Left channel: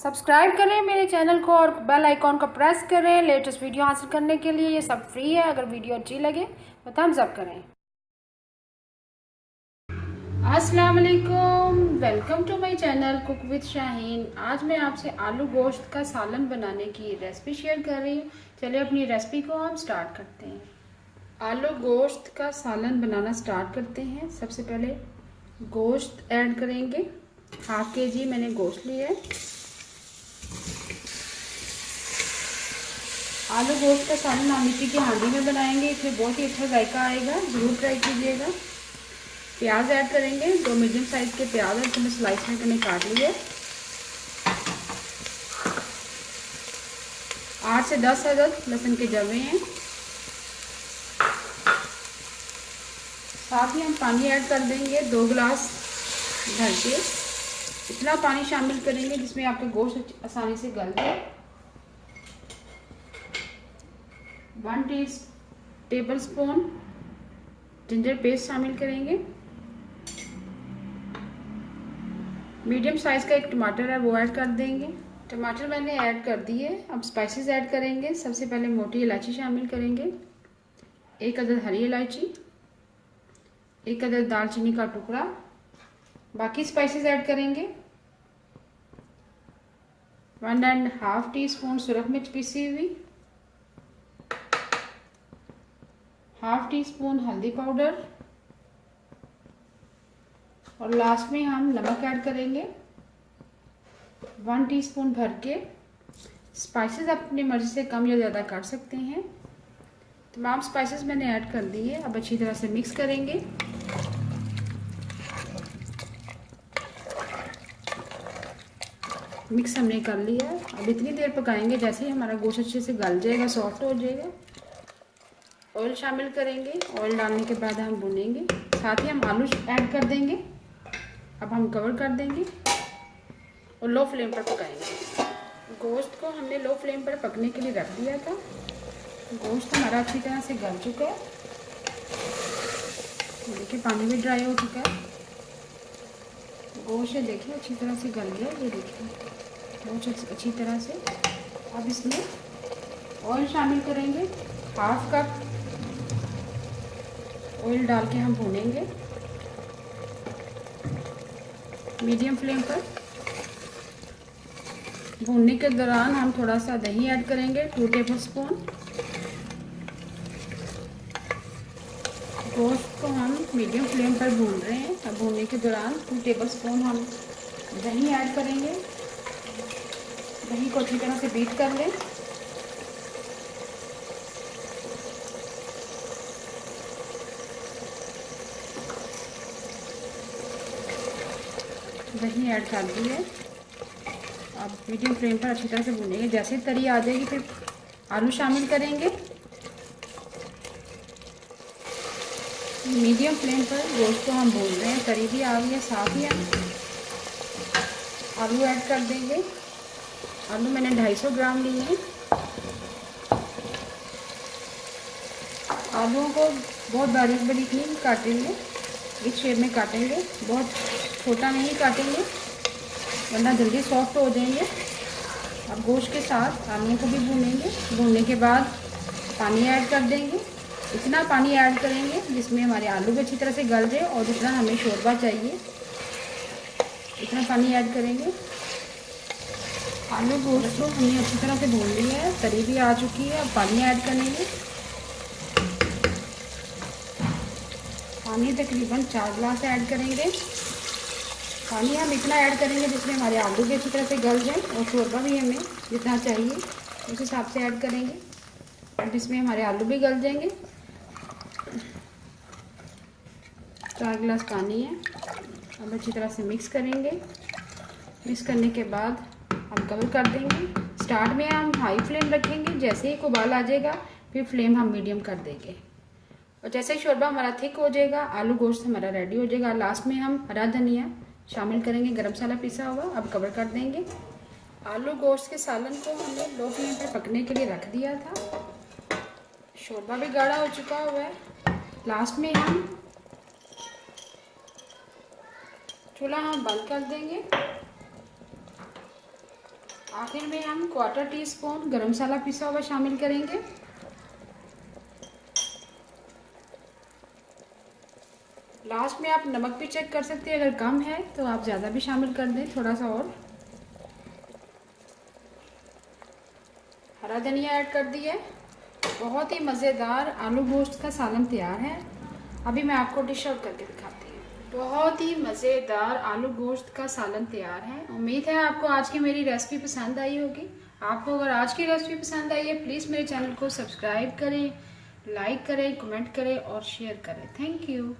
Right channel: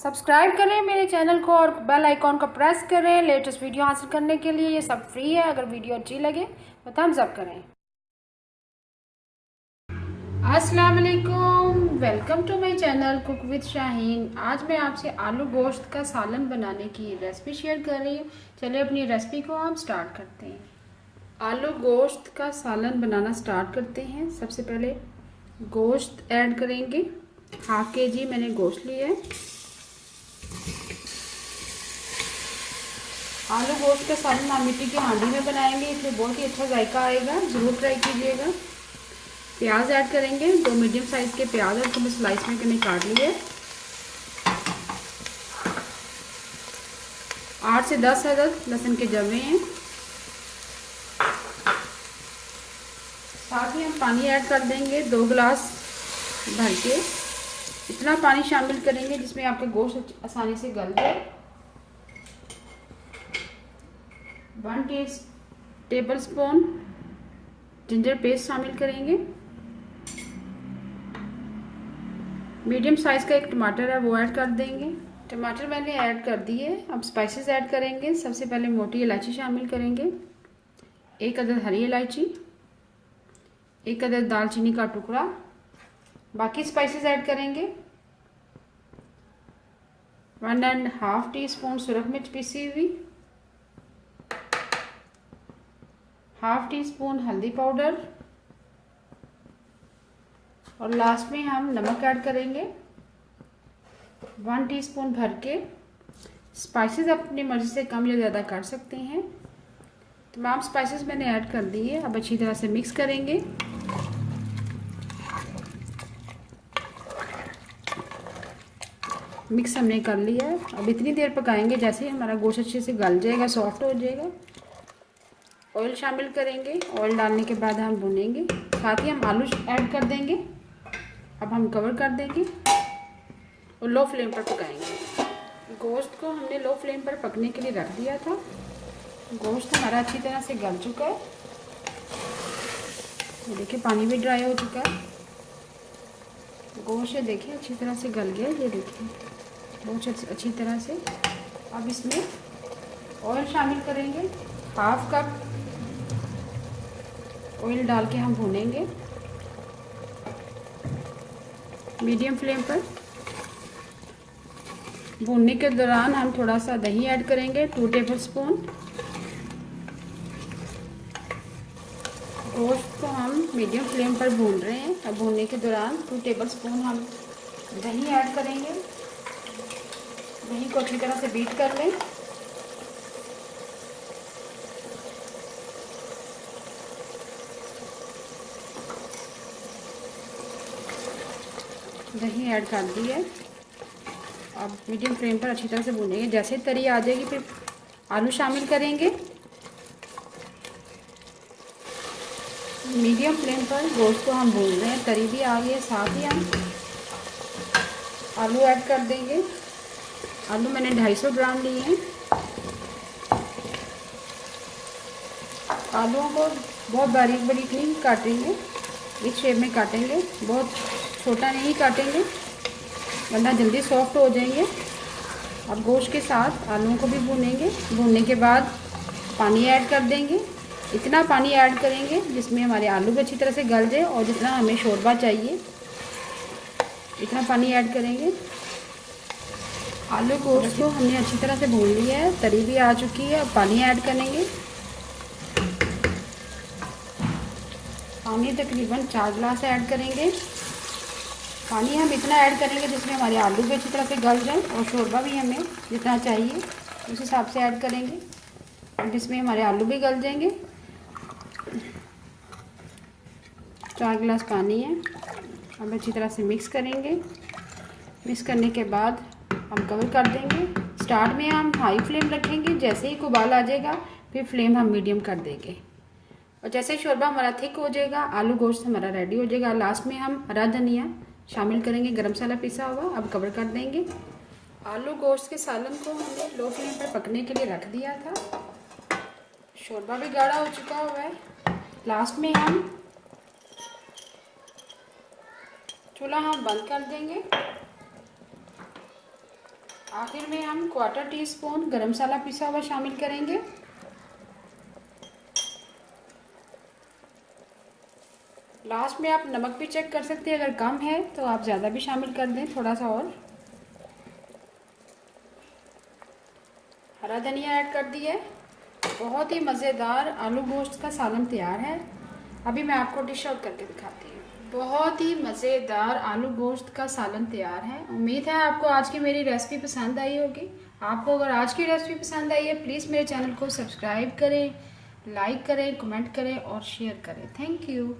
Subscribe करें मेरे channel को और बेल आइकॉन को प्रेस करें लेटेस्ट वीडियो हासिल करने के लिए। ये सब फ्री है। अगर वीडियो अच्छी लगे तो थम्स अप करें। अस्सलाम वालेकुम, welcome to my channel cook with Shaheen. आज मैं आपसे आलू गोश्त का सालन बनाने की रेसिपी शेयर कर रही हूँ। चलिए अपनी रेसिपी को हम स्टार्ट करते हैं। आलू गोश्त का सालन बनाना स्टार्ट करते हैं। सबसे पहले गोश्त ऐड करेंगे। हाफ केजी मैंने गोश्त लिया है। आलू गोश्त का सालन हम मिट्टी की हांडी में बनाएंगे, इसलिए बहुत ही अच्छा जायका आएगा। ज़रूर ट्राई कीजिएगा। प्याज ऐड करेंगे। 2 मीडियम साइज़ के प्याज और तो मैं स्लाइस में मैंने काट लिए। 8 से 10 अदद लहसुन के जवे हैं। साथ ही हम पानी ऐड कर देंगे 2 गिलास भर के। इतना पानी शामिल करेंगे जिसमें आपका गोश्त आसानी से गल जाए। 1 टेबल स्पून जिंजर पेस्ट शामिल करेंगे। मीडियम साइज का 1 टमाटर है वो ऐड कर देंगे। टमाटर मैंने ऐड कर दिए। अब स्पाइसेस ऐड करेंगे। सबसे पहले मोटी इलायची शामिल करेंगे, 1 अदद हरी इलायची, 1 अदद दालचीनी का टुकड़ा। बाकी स्पाइसेस ऐड करेंगे। 1.5 टीस्पून सुरख मिर्च पीसी हुई, 1/2 टीस्पून हल्दी पाउडर और लास्ट में हम नमक ऐड करेंगे 1 टीस्पून भर के। स्पाइसेस अपनी मर्जी से कम या ज़्यादा कर सकते हैं। तमाम स्पाइसेस मैंने ऐड कर दिए। अब अच्छी तरह से मिक्स करेंगे। मिक्स हमने कर लिया है। अब इतनी देर पकाएंगे जैसे ही हमारा गोश्त अच्छे से गल जाएगा, सॉफ्ट हो जाएगा। ऑयल शामिल करेंगे। ऑयल डालने के बाद हम भूनेंगे। साथ ही हम आलू ऐड कर देंगे। अब हम कवर कर देंगे और लो फ्लेम पर पकाएंगे। गोश्त को हमने लो फ्लेम पर पकने के लिए रख दिया था। गोश्त हमारा अच्छी तरह से गल चुका है। देखिए पानी भी ड्राई हो चुका है। गोश्त देखिए अच्छी तरह से गल गया। ये देखिए बहुत अच्छी तरह से। अब इसमें ऑयल शामिल करेंगे। 1/2 कप ऑयल डाल के हम भूनेंगे मीडियम फ्लेम पर। भूनने के दौरान हम थोड़ा सा दही ऐड करेंगे, 2 टेबल स्पून। गोश्त को हम मीडियम फ्लेम पर भून रहे हैं। अब भूनने के दौरान 2 टेबल स्पून हम दही ऐड करेंगे। दही को अच्छी तरह से बीट कर लें। दही ऐड कर दी है। अब मीडियम फ्लेम पर अच्छी तरह से भूनेंगे। जैसे तरी आ जाएगी फिर आलू शामिल करेंगे। मीडियम फ्लेम पर गोश्त को हम भून रहे हैं। तरी भी आ गई है। साथ ही हम आलू ऐड कर देंगे। आलू मैंने 250 ग्राम लिए हैं। आलूओं को बहुत बारीक बारीक नहीं काटेंगे, इस शेप में काटेंगे। बहुत छोटा नहीं काटेंगे वरना जल्दी सॉफ्ट हो जाएंगे। अब गोश्त के साथ आलूओं को भी भूनेंगे। भूनने के बाद पानी ऐड कर देंगे। इतना पानी ऐड करेंगे जिसमें हमारे आलू भी अच्छी तरह से गल जाए और जितना हमें शोरबा चाहिए इतना पानी ऐड करेंगे। आलू गोश्त को हमने अच्छी तरह से भून लिया है। तरी भी आ चुकी है। अब पानी ऐड करेंगे। पानी तकरीबन 4 गिलास ऐड करेंगे। पानी हम इतना ऐड करेंगे जिसमें हमारे आलू भी अच्छी तरह से गल जाए और शोरबा भी हमें जितना चाहिए उस हिसाब से ऐड करेंगे और जिसमें हमारे आलू भी गल जाएंगे। 4 गिलास पानी है। अब अच्छी तरह से मिक्स करेंगे। मिक्स करने के बाद हम कवर कर देंगे। स्टार्ट में हम हाई फ्लेम रखेंगे। जैसे ही उबाल आ जाएगा फिर फ्लेम हम मीडियम कर देंगे और जैसे शोरबा हमारा थिक हो जाएगा, आलू गोश्त हमारा रेडी हो जाएगा। लास्ट में हम हरा धनिया शामिल करेंगे, गरम मसाला पिसा हुआ। अब कवर कर देंगे। आलू गोश्त के सालन को हमने लो फ्लेम पर पकने के लिए रख दिया था। शोरबा भी गाढ़ा हो चुका हुआ है। लास्ट में हम चूल्हा हम बंद कर देंगे आखिर में हम 1/4 टीस्पून गरम मसाला पिसा हुआ शामिल करेंगे। लास्ट में आप नमक भी चेक कर सकते हैं, अगर कम है तो आप ज़्यादा भी शामिल कर दें, थोड़ा सा और। हरा धनिया ऐड कर दिया है। बहुत ही मज़ेदार आलू गोश्त का सालन तैयार है। अभी मैं आपको डिश आउट करके दिखाती हूँ। बहुत ही मज़ेदार आलू गोश्त का सालन तैयार है। उम्मीद है आपको आज की मेरी रेसिपी पसंद आई होगी। आपको अगर आज की रेसिपी पसंद आई है, प्लीज़ मेरे चैनल को सब्सक्राइब करें, लाइक करें, कमेंट करें और शेयर करें। Thank you.